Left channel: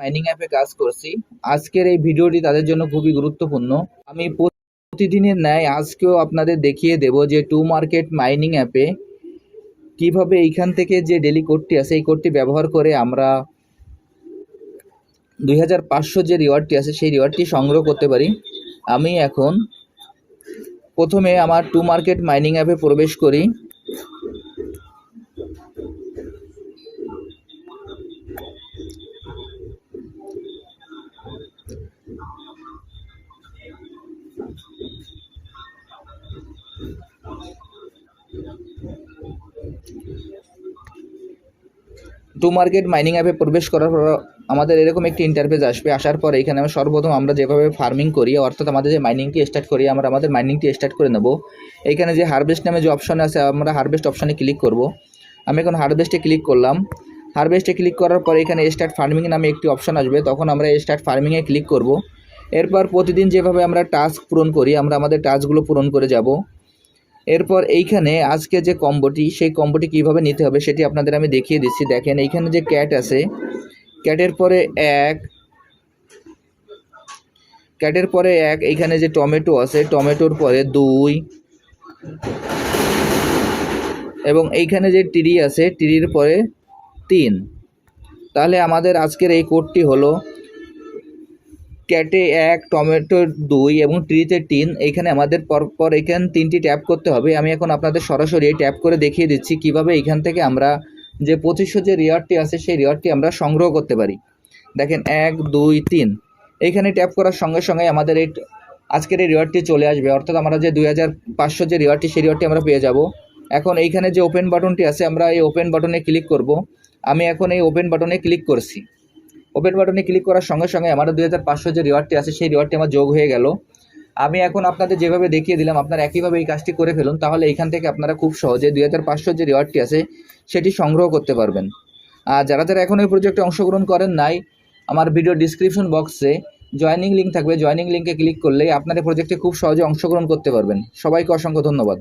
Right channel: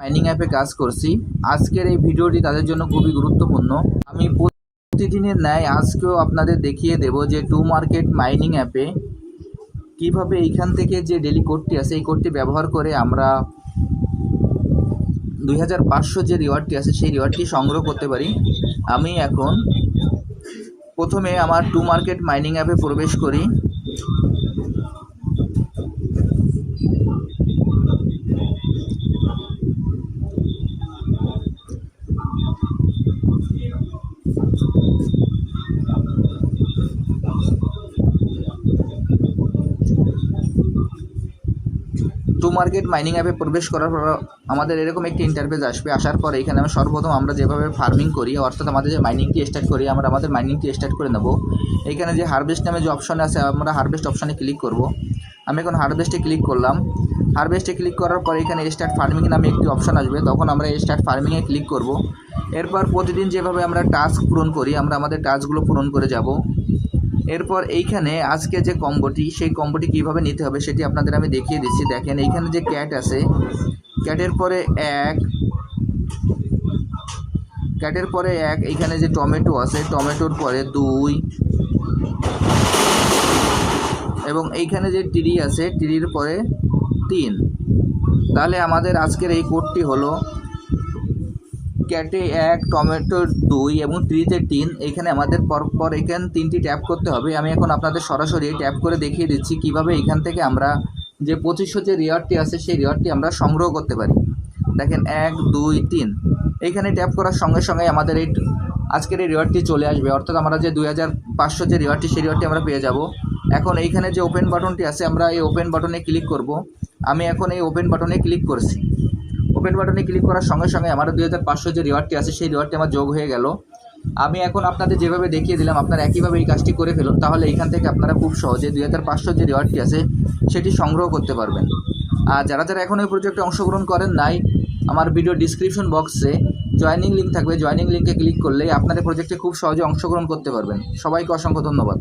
Mining অ্যাপে কাজ করছি। আজকের এই ভিডিওটি তাদের জন্য খুবই গুরুত্বপূর্ণ। আমি প্রতিদিনের ন্যায় আজকেও আপনাদের দেখিয়ে দেব যে টু মার্কেট মাইনিং অ্যাপে কীভাবে এইখান থেকে যে ডেলি কোডটি আছে, এই কোডটি ব্যবহার করে আমরা দুই হাজার পাঁচশো যে রিওয়ার্ডটি আছে, সেই রিওয়ার্ডটি সংগ্রহ করতে পারি। আমি এখন প্রথমে আমার টু মার্কেট মাইনিং অ্যাপে প্রবেশ করি। টু মার্কেট মাইনিং অ্যাপে প্রবেশ করার পর আমাদের এরকম একটি ইন্টারফেস আসবে। আসার পরে এখানে আমরা সর্বপ্রথম আমরা যেভাবে ফার্মিং করি, অর্থাৎ আমাদের যে মাইনিংটি স্টার্ট করি, আমরা আমাদের মাইনিংটি স্টার্ট করে নেব। এখানে যে হারভেস্ট নামে যে অপশন আছে, আমরা হারভেস্ট অপশনে ক্লিক করব। আমি এখন হারভেস্টে ক্লিক করলাম। হারভেস্টে ক্লিক করার পরে এখানে স্টার্ট ফার্মিং নামে একটি অপশন আসবে। তখন আমরা স্টার্ট ফার্মিংয়ে ক্লিক করব। এরপর প্রতিদিন যেভাবে আমরা টাস্ক পূরণ করি, আমরা আমাদের টাস্কগুলো পূরণ করে যাব। এরপর এইখানে আজকে যে কম্বোটি, সেই কম্বোটি কীভাবে নিতে হবে সেটি আপনাদের আমি দেখিয়ে দিচ্ছি। দেখেন, এইখানে যে ক্যাট আছে, ক্যাটের পরে এক, ক্যাটের পরে এক, এইখানে যে টমেটো আছে, টমেটোর পরে দুই, এবং এইখানে যে টিরি আছে, টিরির পরে তিন। তাহলে আমাদের আজকের এই কোডটি হলো ক্যাটে এক টমেটো দুই এবং ট্রিতে তিন। এইখানে আমাদের পরপর এখানে তিনটি ট্যাপ করতে হবে। আমি এখন আপনাদের সরাসরি ট্যাপ করে দেখিয়ে দিচ্ছি কীভাবে এখান থেকে আমরা যে পঁচিশশো যে রিওয়ার্ডটি আছে, সেই রিওয়ার্ডটি আমরা সংগ্রহ করতে পারি। দেখেন, এক, দুই, তিন। এইখানে ট্যাপ করার সঙ্গে সঙ্গে আমাদের এই আজকের এই রিওয়ার্ডটি চলে আসবে। অর্থাৎ আমরা যে দুই হাজার পাঁচশো যে রিওয়ার্ডটি, সেই রিওয়ার্ডটি আমরা পেয়ে যাব। এখন এইখানে যে ওপেন বাটনটি আছে, আমরা এই ওপেন বাটনে ক্লিক করব। আমি এখন এই ওপেন বাটনে ক্লিক করছি। ওপেন বাটনে ক্লিক করার সঙ্গে সঙ্গে আমার দুই হাজার পাঁচশো যে রিওয়ার্ডটি আছে, সেই রিওয়ার্ডটি আমার যোগ হয়ে গেল। আমি এখন আপনাদের যেভাবে দেখিয়ে দিলাম, আপনারা একইভাবে এই কাজটি করে ফেলুন, তাহলে এখান থেকে আপনারা খুব সহজে দুই হাজার পাঁচশো যে রিওয়ার্ডটি আছে, সেটি সংগ্রহ করতে পারবেন। আর যারা যারা এখন এই প্রজেক্টে অংশগ্রহণ করেন নাই, আমার ভিডিও ডিসক্রিপশন বক্সে জয়েনিং লিঙ্ক থাকবে। জয়েনিং লিঙ্কে ক্লিক করলেই আপনারা প্রজেক্টে খুব সহজে অংশগ্রহণ করতে পারবেন। সবাইকে অসংখ্য ধন্যবাদ।